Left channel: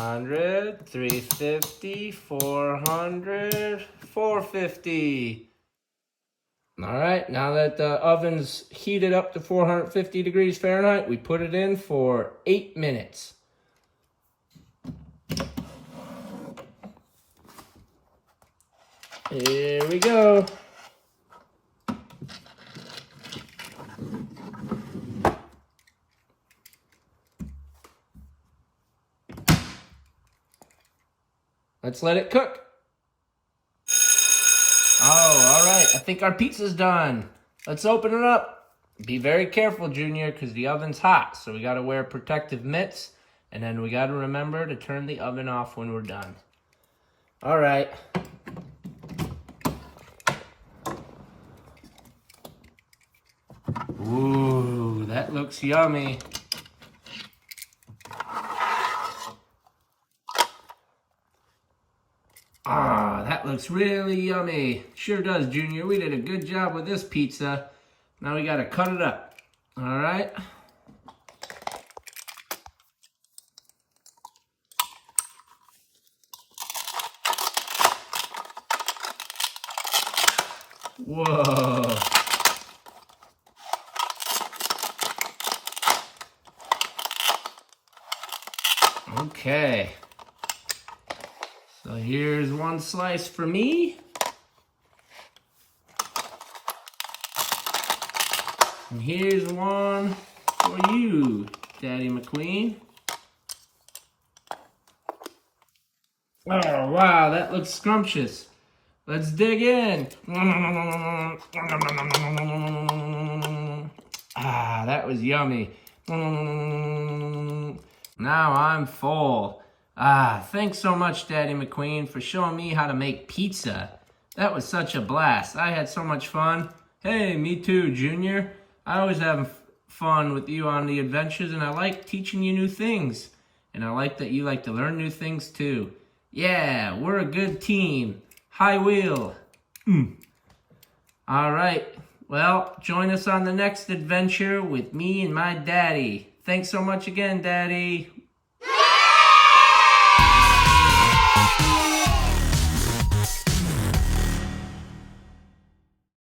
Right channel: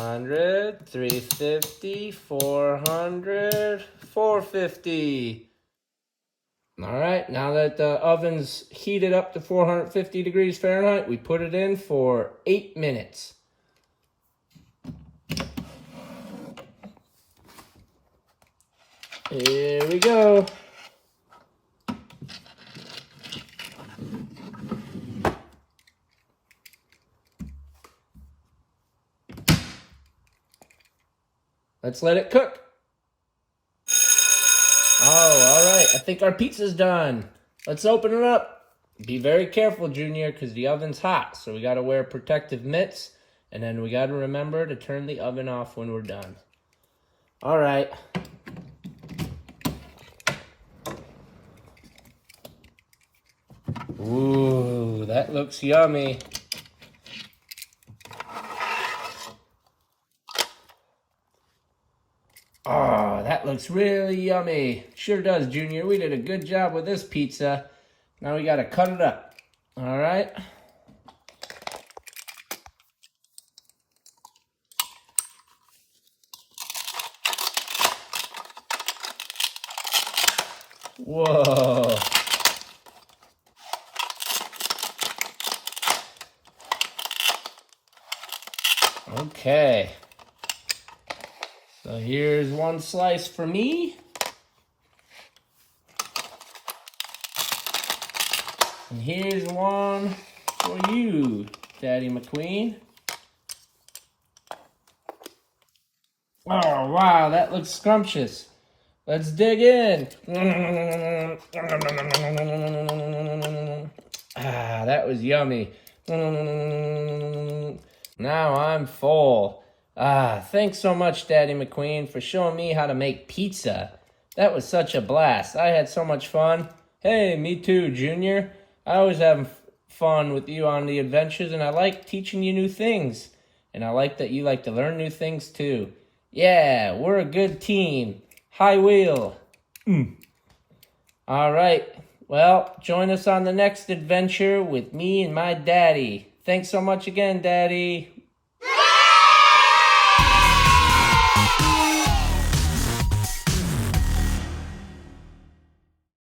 300, 350, 400, 450. All right, now that the oven's heated up to 450 degrees Fahrenheit, we put it in for 8 minutes. Here we go. Let's let it cook. Oh, all right. I think our pizza's done. Let's open it up. Be very careful, Junior, because the oven's hot. So we got to wear protective mitts. And then we got to remember to turn the oven off when we're done. All right. Ooh, that looks yummy. Ah, that looks really yummy. Sure does, Junior. We did a good job with this pizza. Now we gotta cut it up. All right. Whoa. Okay. So here's one slice for me. And here's one for you, Daddy McQueen. Oh, wow, that looks scrumptious. Let's dig in. Ah, that was yummy. Now I'm full. Ah, thanks so much, Daddy McQueen, for showing me how to make pizza. That was such a blast. I had so much fun. Hey, me too, Junior. I always have fun with you on the adventures, and I like teaching you new things. And I like that you like to learn new things too. Yeah, we're a good team. High wheel. All right. Well, join us on the next adventure with me and my daddy. Thanks so much again, Daddy.